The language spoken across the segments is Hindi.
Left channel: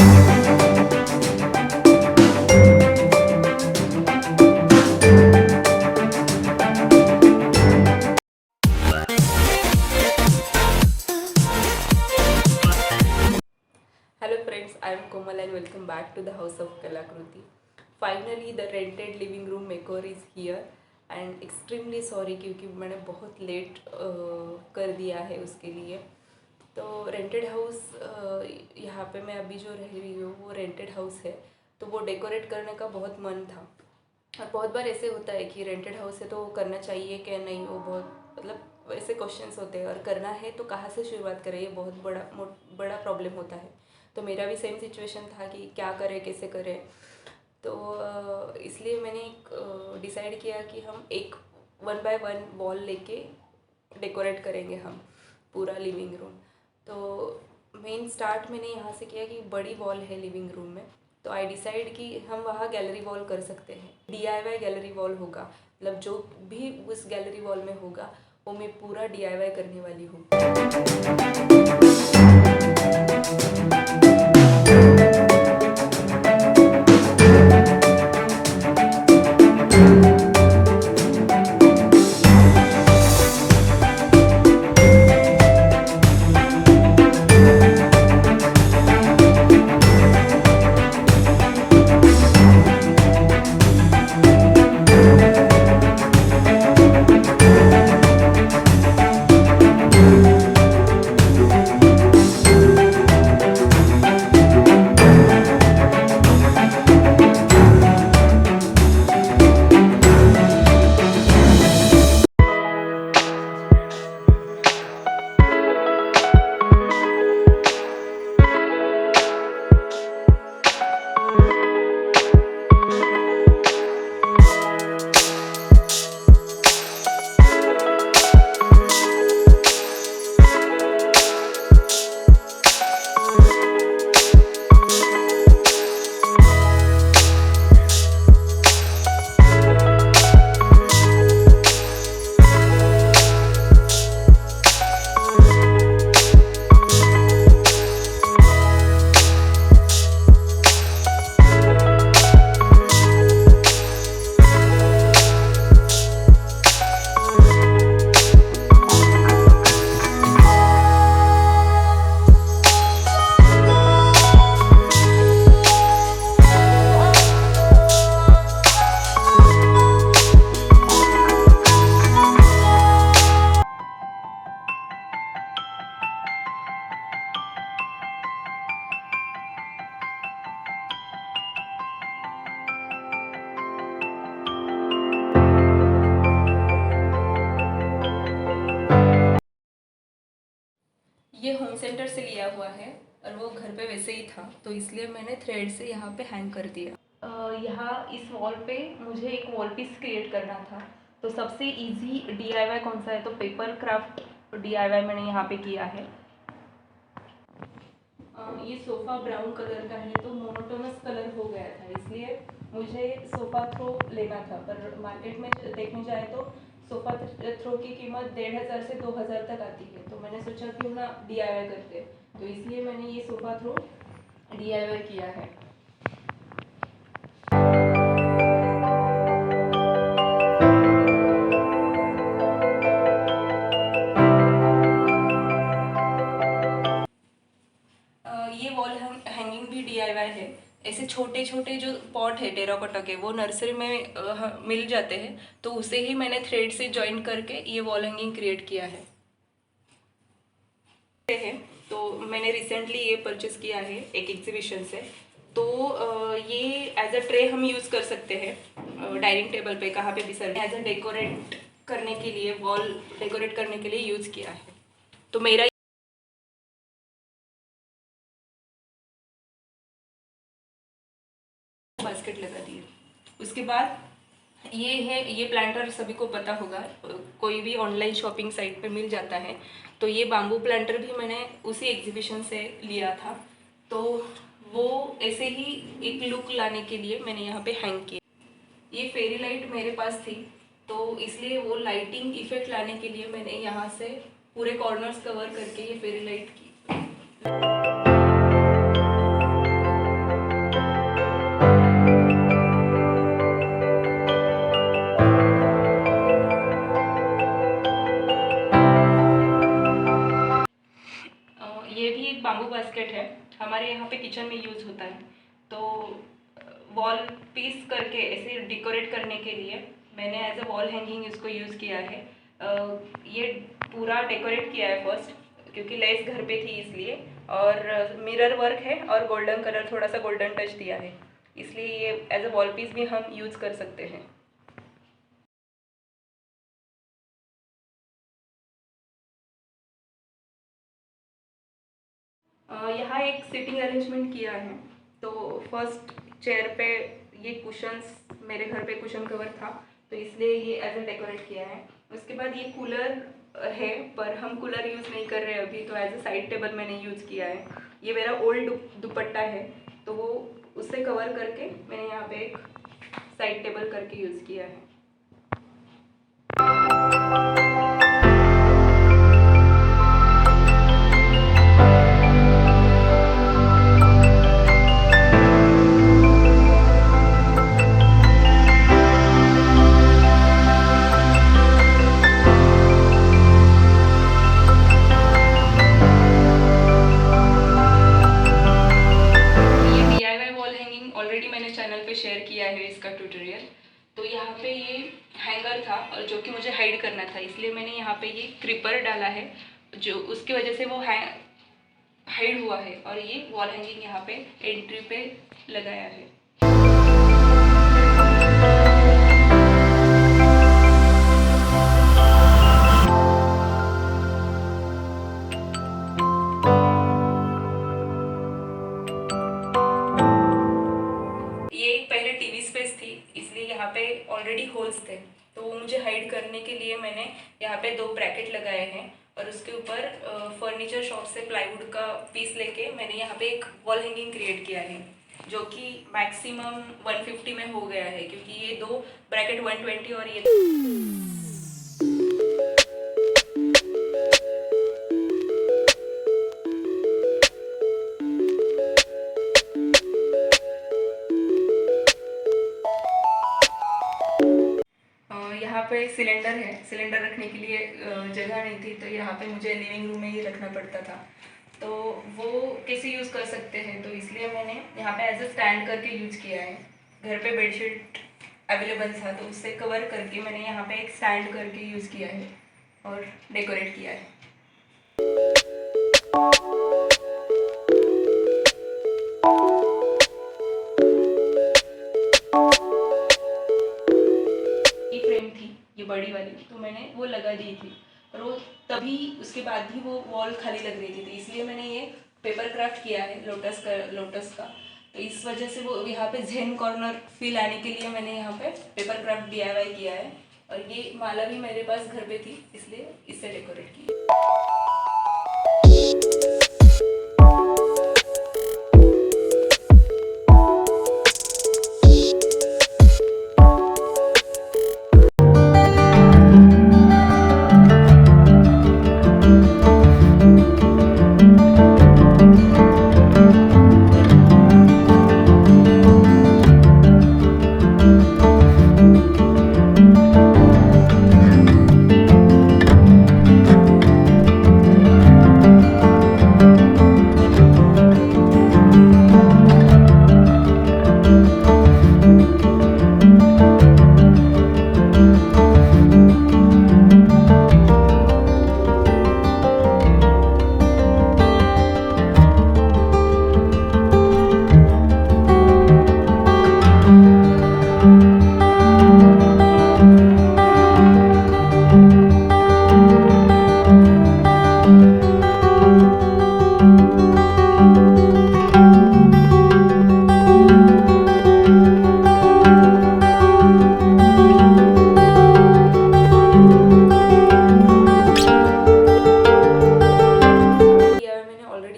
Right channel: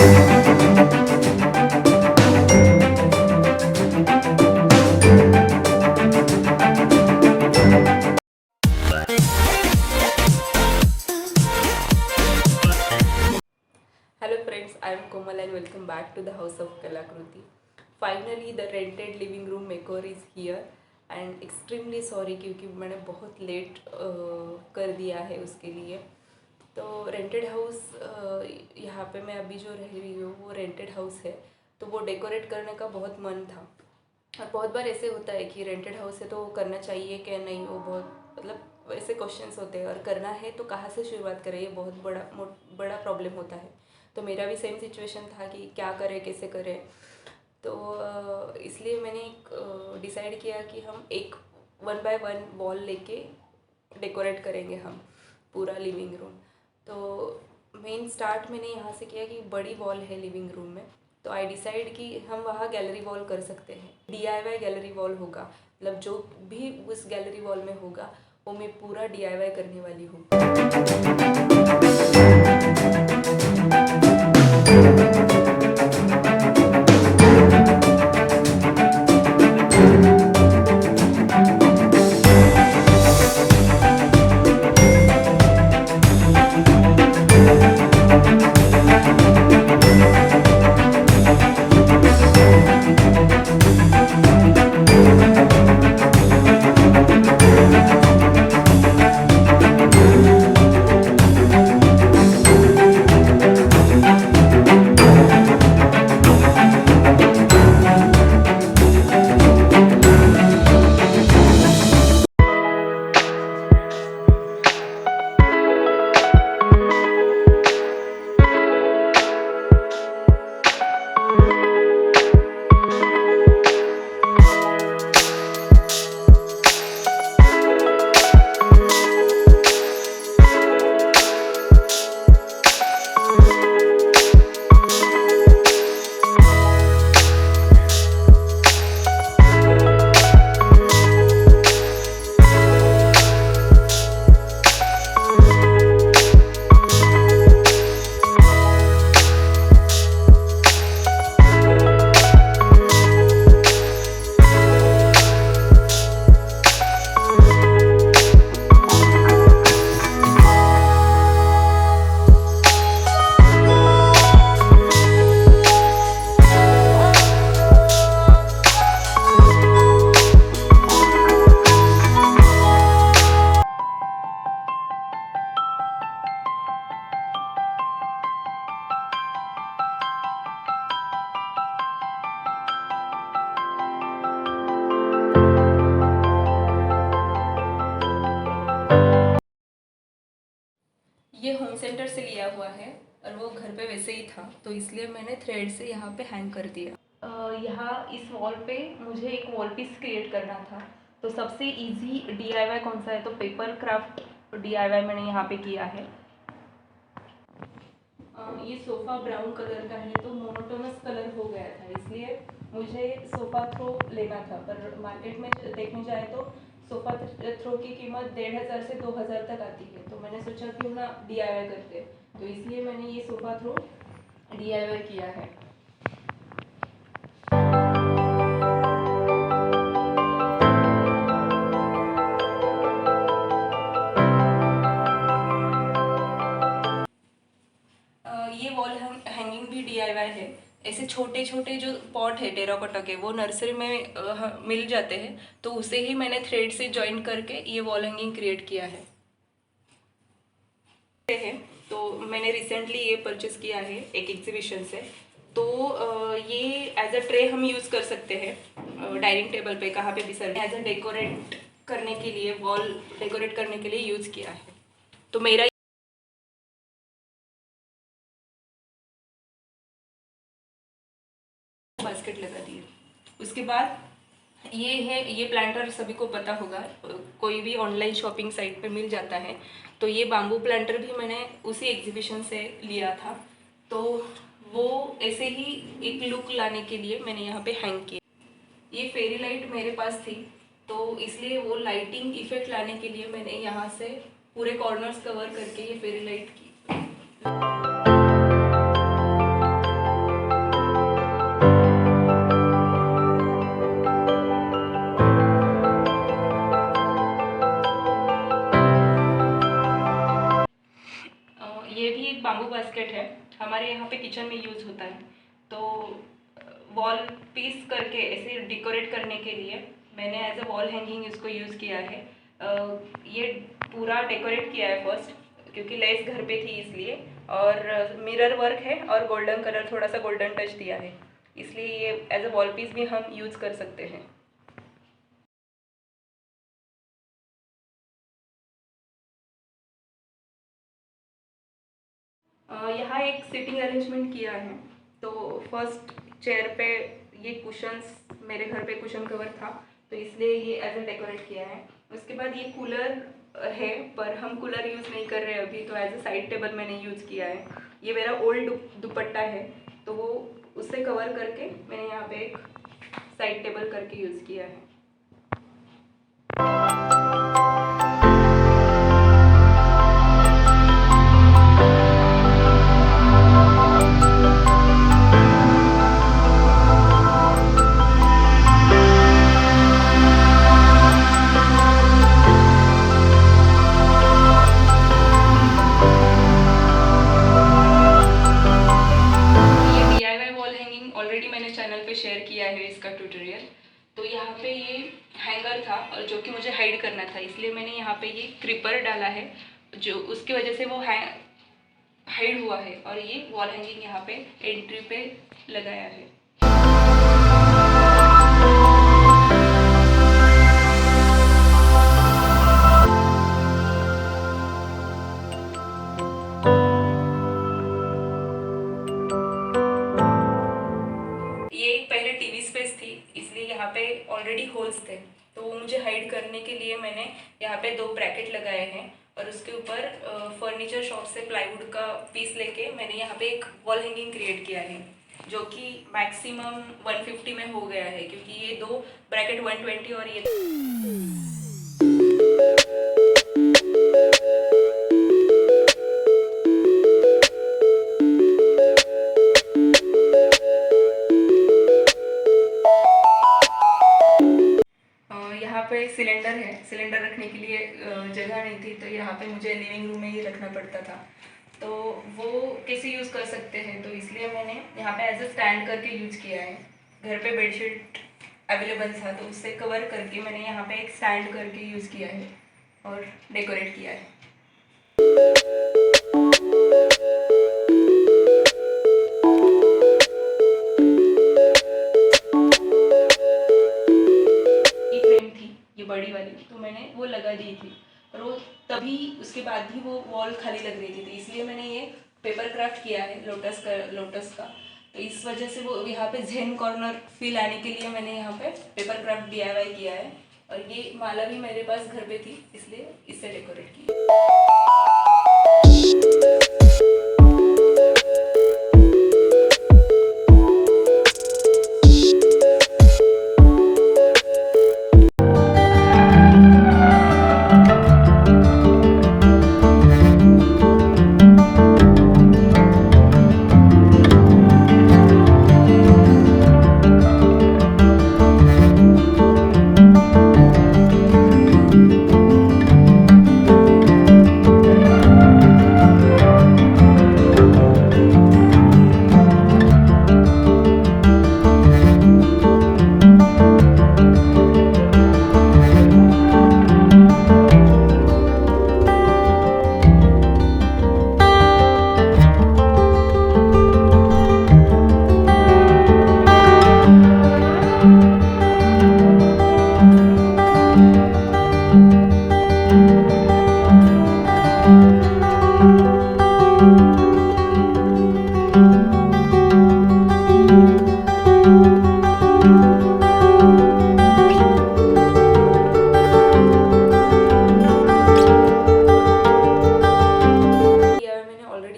Hello friends, I am Komal and welcome back to the House of Kalakriti. Finally, the rented living room makeover is here and extremely sorry क्योंकि मैंने बहुत लेट कर दिया है उसके लिए। तो रेंटेड हाउस यहाँ पे मैं अभी जो रह रही हूँ वो रेंटेड हाउस है, तो वो डेकोरेट करने का बहुत मन था। और बहुत बार ऐसे होता है कि रेंटेड हाउस है तो करना चाहिए क्या नहीं, वो बहुत मतलब ऐसे क्वेश्चंस होते हैं, और करना है तो कहाँ से शुरुआत करें, ये बहुत बड़ा प्रॉब्लम होता है। तो मेरा भी सेम सिचुएशन था कि क्या करें कैसे करें। तो इसलिए मैंने डिसाइड किया कि हम एक 1 बाय 1 वॉल लेके डेकोरेट करेंगे हम पूरा लिविंग रूम। तो मेन स्टार्ट मैंने यहाँ से किया कि बड़ी वॉल है लिविंग रूम में, तो आई डिसाइड कि हम वहाँ गैलरी वॉल कर सकते हैं। DIY गैलरी वॉल होगा, मतलब जो भी उस गैलरी वॉल में होगा वो मैं पूरा DIY करने वाली हूँ। ये होम सेंटर से लिया हुआ है और वो घर पे वैसे ही था, तो इसलिए मैंने थ्रेड से यहाँ पे हैंग कर दिया। यहाँ इस वॉल पे मुझे एक वॉल पीस क्रिएट करना था, तो सबसे इजी DIY कौन सा है, तो पेपर क्राफ्ट DIY मैंने यहाँ पे किया है। ये सोफ़ा ब्राउन कलर का है, तो मोनोटोनस कलर हो गया था, इसलिए मुझे सोफ़ा थ्रो लेना था। पर मार्केट में देखने जाए तो सोफ़ा थ्रो की कीमत 1500 से 2000 तक आती है, तो मैंने सोचा क्यों ना DIY करते, तो इसलिए मैंने ये सोफ़ा थ्रो DIY किया है। ये वॉल हैंगिंग भी DIY है। ऐसे छोटे छोटे जो पॉट है टेराकोटा के, वो नर्सरी में मिल जाते हैं, तो उसे ही मैंने थ्रेड से जॉइन करके ये वॉल हैंगिंग क्रिएट किया है। तो मैंने रिसेंटली ये परचेस किया है एक एग्जीबिशन से, तो ये एज अ ट्रे हम यूज़ कर सकते हैं डाइनिंग टेबल पे, कहाँ पे भी सर्व, एज अ डेकोरेट करने के लिए, वॉल डेकोरेट करने के लिए यूज़ किया है। तो मेरा बास्केट लगा दी है। उसके बाद ये है, ये प्लांटर सभी को पता होगा, कोई भी ऑनलाइन शॉपिंग साइट पे मिल जाता है। तो ये बाम्बू प्लांटर भी मैंने उसी एग्जीबिशन से लिया था, तो वो ऐसे ही एक लुक लाने के लिए मैंने यहाँ पे हैंग किया। ये फेरी लाइट मेरे पास थी, तो इसलिए वो लाइटिंग इफेक्ट लाने के लिए मैंने यहाँ से पूरे कॉर्नर्स कवर करके ये फेरी लाइट की। हमारे यहाँ पे किचन में यूज़ होता है। तो वॉल पीस करके ऐसे डेकोरेट करने के लिए मैंने एज अ वॉल हैंगिंग इसको यूज़ किया है। ये पूरा डेकोरेट किया है फर्स्ट, क्योंकि लेस घर पे थी इसलिए, और मिरर वर्क है और गोल्डन कलर, थोड़ा सा गोल्डन टच दिया है, इसलिए ये एज अ वॉल पीस भी हम यूज़ कर सकते हैं। यहाँ एक सीटिंग अरेंजमेंट किया है। तो फर्स्ट चेयर पे ये कुशंस, मेरे घर पे कुशन कवर था तो इसलिए ये एज ए डेकोरेट किया है। उसके बाद ये कूलर है, पर हम कूलर यूज़ नहीं कर रहे अभी, तो एज ए साइड टेबल मैंने यूज़ किया है। ये मेरा ओल्ड दुपट्टा है, तो वो उससे कवर करके मैंने यहाँ पे एक साइड टेबल करके यूज़ किया है। ऑलरेडी मैंने चैनल पे शेयर किया है इसका ट्यूटोरियल। तो यहाँ पे ये हैंगर था और जो कि मुझे हाइड करना था, इसलिए मैंने यहाँ पे ये क्रीपर डाला है, जो उसकी वजह से वो हाइड हुआ है। और ये वॉल हैंगिंग यहाँ पे एंट्री पे लगाया है। ये पहले टीवी स्पेस थी, इसलिए यहाँ पे ऑलरेडी होल्स थे, तो वो मुझे हाइड करने के लिए मैंने यहाँ पे 2 ब्रैकेट लगाए हैं, और उसके ऊपर फर्नीचर शॉप से प्लाईवुड का पीस लेके मैंने यहाँ पे एक वॉल हैंगिंग क्रिएट किया है, जो कि मैक्सिमम 150 में हो गया है, क्योंकि ये 2 ब्रैकेट 120 और ये यहाँ पे सिलेंडर है, सिलेंडर रखने के लिए जगह नहीं थी, तो यहाँ पे मुझे लिविंग रूम में ही रखना पड़ता था। तो वो कैसे यूज़ कर सकते हैं, तो इसलिए मैंने यहाँ पे एज अ स्टैंड करके यूज़ किया है। घर पे बेडशीट अवेलेबल था, तो उससे कवर करके मैंने यहाँ पे एक स्टैंड करके यूज़ किया है और डेकोरेट किया है। ये बड़ी वाली, तो मैंने वो लगा दी थी, और वो तभी उसके बाद ही वो वॉल खाली लग रही थी, तो इसलिए मैंने ये पेपर क्राफ्ट किया है लोटस का। तो इस वजह से वो यहाँ पे जेन कॉर्नर फील आने के लिए मैंने यहाँ पे पेपर क्राफ्ट DIY किया है। और ये माला भी मेरे पास घर पे थी, इसलिए इससे डेकोरेट की।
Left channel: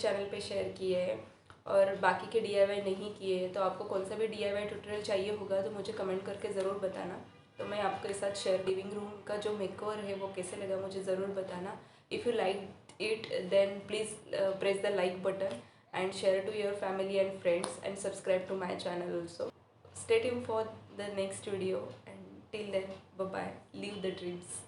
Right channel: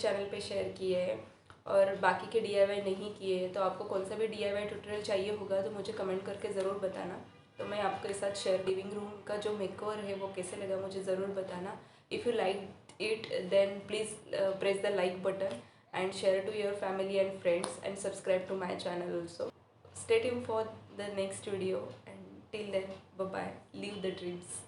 चैनल पे शेयर किए हैं और बाकी के DIY नहीं किए हैं, तो आपको कौन सा भी DIY ट्यूटोरियल चाहिए होगा तो मुझे कमेंट करके ज़रूर बताना, तो मैं आपके साथ शेयर। लिविंग रूम का जो मेकओवर है वो कैसे लगा मुझे ज़रूर बताना। If you like it then please press the like button and share to your family and friends and subscribe to my channel also. Stay tuned for the next video and till then, bye bye. Live the dreams.